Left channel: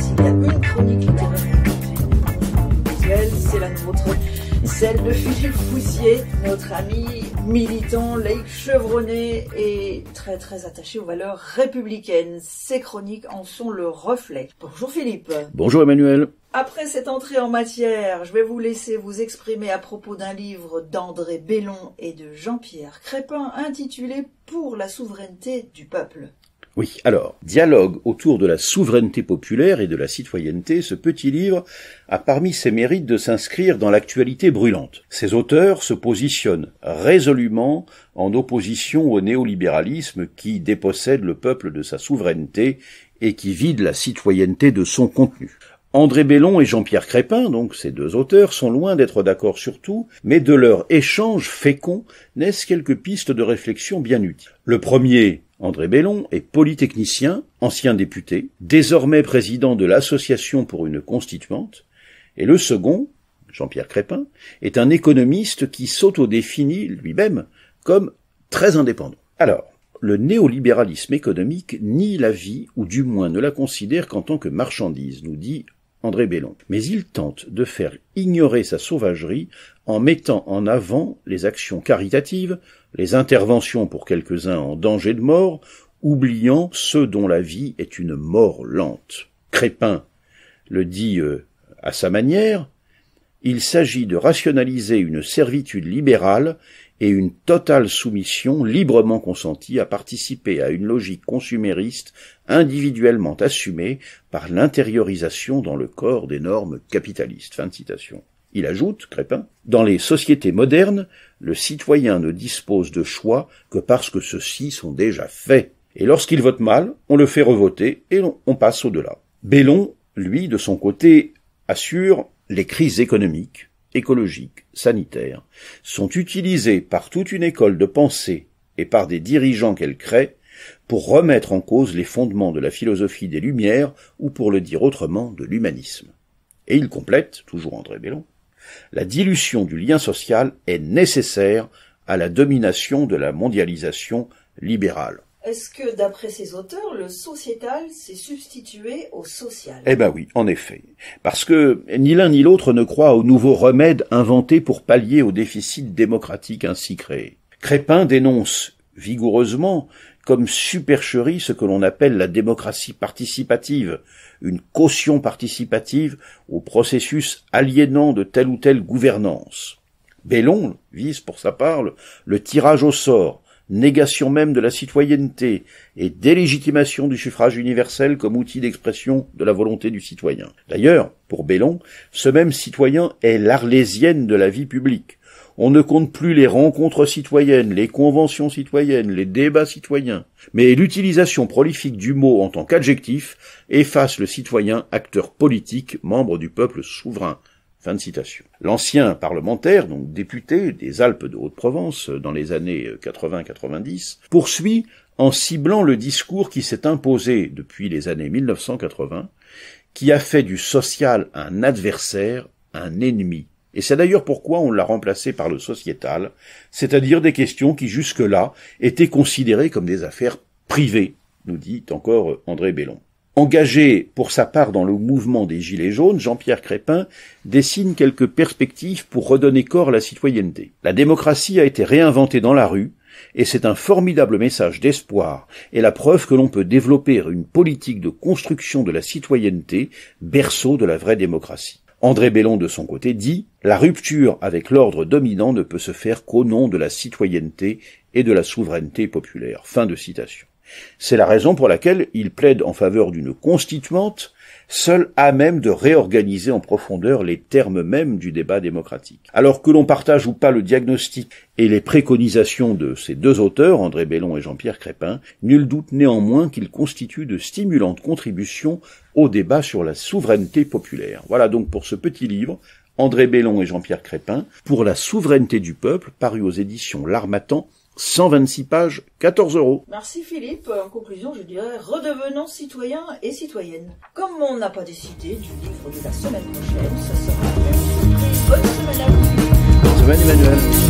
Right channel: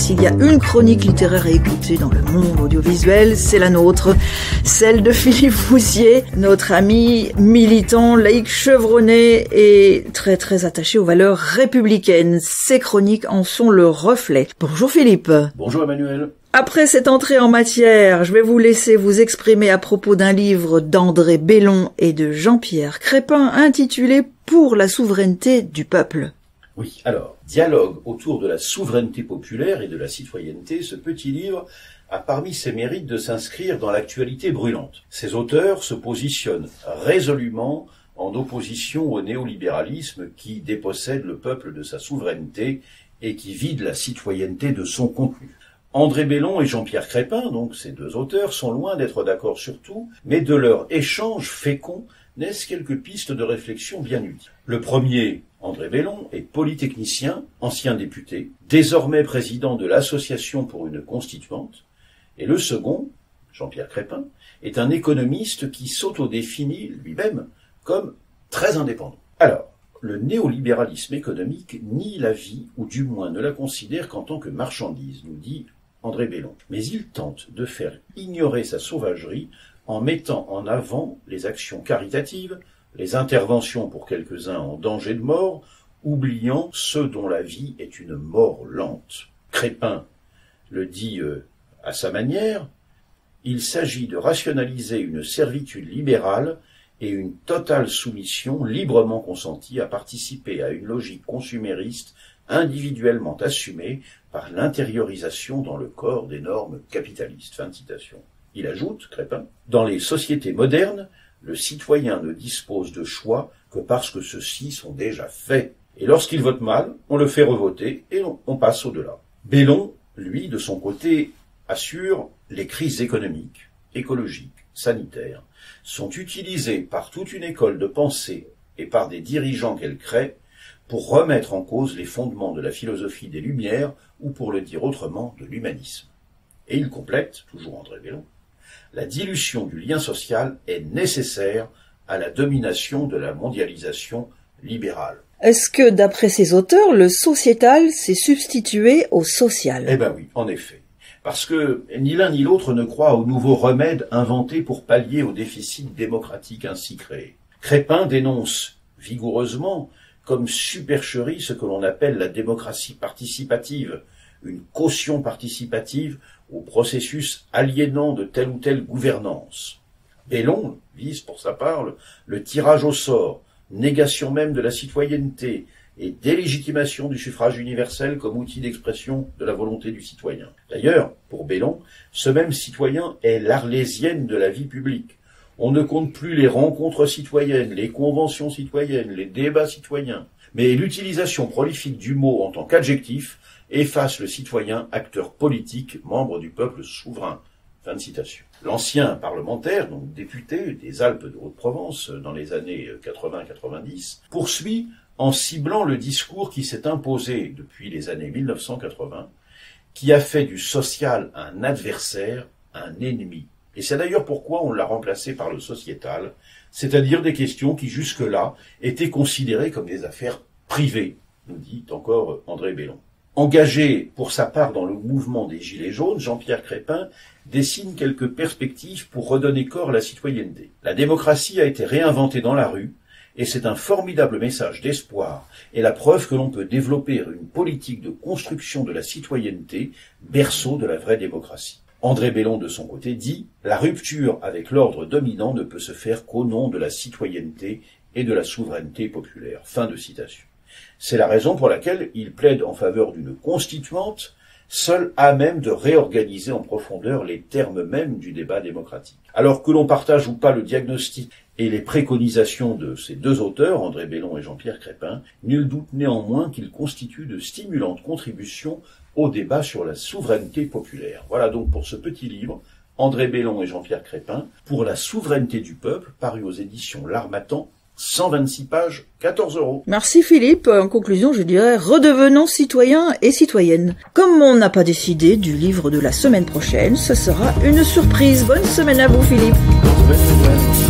s'il y a une chronique littéraire à écouter dans le monde audiovisuel, c'est la nôtre, celle de Philippe Foussier, notre ami militant, laïque chevronné et très très attaché aux valeurs républicaines. Ses chroniques en sont le reflet. Bonjour Philippe. Bonjour Emmanuel. Après cette entrée en matière, je vais vous laisser vous exprimer à propos d'un livre d'André Bellon et de Jean-Pierre Crépin intitulé « Pour la souveraineté du peuple ». Oui, alors, dialogue autour de la souveraineté populaire et de la citoyenneté, ce petit livre a parmi ses mérites de s'inscrire dans l'actualité brûlante. Ses auteurs se positionnent résolument en opposition au néolibéralisme qui dépossède le peuple de sa souveraineté et qui vide la citoyenneté de son contenu. André Bellon et Jean-Pierre Crépin, donc ces deux auteurs, sont loin d'être d'accord sur tout, mais de leur échange fécond naissent quelques pistes de réflexion bien utiles. Le premier, André Bellon, est polytechnicien, ancien député, désormais président de l'Association pour une constituante, et le second, Jean-Pierre Crépin, est un économiste qui s'autodéfinit lui-même comme très indépendant. Alors, le néolibéralisme économique nie la vie, ou du moins ne la considère qu'en tant que marchandise, nous dit André Bellon. Mais il tente de faire ignorer sa sauvagerie en mettant en avant les actions caritatives, les interventions pour quelques-uns en danger de mort, oubliant ceux dont la vie est une mort lente. Crépin le dit à sa manière, il s'agit de rationaliser une servitude libérale et une totale soumission librement consentie à participer à une logique consumériste individuellement assumée par l'intériorisation dans le corps des normes capitalistes. Fin de citation. Il ajoute, Crépin, dans les sociétés modernes, le citoyen ne dispose de choix que parce que ceux-ci sont déjà faits. Et lorsqu'il vote mal, on le fait revoter et on passe au-delà. Bellon, lui, de son côté, assure les crises économiques, écologiques, sanitaires, sont utilisées par toute une école de pensée et par des dirigeants qu'elle crée pour remettre en cause les fondements de la philosophie des Lumières ou, pour le dire autrement, de l'humanisme. Et il complète, toujours André Bellon, la dilution du lien social est nécessaire à la domination de la mondialisation libérale. Est-ce que, d'après ces auteurs, le sociétal s'est substitué au social? Eh ben oui, en effet. Parce que ni l'un ni l'autre ne croit aux nouveaux remèdes inventés pour pallier au déficit démocratique ainsi créé. Crépin dénonce vigoureusement comme supercherie ce que l'on appelle la démocratie participative, une caution participative au processus aliénant de telle ou telle gouvernance. Bellon vise pour sa part le tirage au sort, négation même de la citoyenneté et délégitimation du suffrage universel comme outil d'expression de la volonté du citoyen. D'ailleurs, pour Bellon, ce même citoyen est l'Arlésienne de la vie publique. On ne compte plus les rencontres citoyennes, les conventions citoyennes, les débats citoyens, mais l'utilisation prolifique du mot en tant qu'adjectif efface le citoyen acteur politique, membre du peuple souverain. Fin de citation. L'ancien parlementaire, donc député des Alpes de Haute-Provence dans les années 80-90, poursuit en ciblant le discours qui s'est imposé depuis les années 1980, qui a fait du social un adversaire, un ennemi. Et c'est d'ailleurs pourquoi on l'a remplacé par le sociétal, c'est-à-dire des questions qui jusque-là étaient considérées comme des affaires privées, nous dit encore André Bellon. Engagé pour sa part dans le mouvement des Gilets jaunes, Jean-Pierre Crépin dessine quelques perspectives pour redonner corps à la citoyenneté. La démocratie a été réinventée dans la rue, et c'est un formidable message d'espoir et la preuve que l'on peut développer une politique de construction de la citoyenneté, berceau de la vraie démocratie. André Bellon, de son côté, dit « La rupture avec l'ordre dominant ne peut se faire qu'au nom de la citoyenneté et de la souveraineté populaire. » Fin de citation. C'est la raison pour laquelle il plaide en faveur d'une constituante, seule à même de réorganiser en profondeur les termes mêmes du débat démocratique. Alors que l'on partage ou pas le diagnostic et les préconisations de ces deux auteurs, André Bellon et Jean-Pierre Crépin, nul doute néanmoins qu'ils constituent de stimulantes contributions au débat sur la souveraineté populaire. Voilà donc pour ce petit livre, André Bellon et Jean-Pierre Crépin, pour la souveraineté du peuple, paru aux éditions L'Harmattan, 126 pages, 14 €. Merci Philippe. En conclusion, je dirais, redevenons citoyens et citoyennes. Comme on n'a pas décidé du livre de la semaine prochaine, ce sera une surprise. Bonne semaine à vous Philippe. Bonne semaine Emmanuel.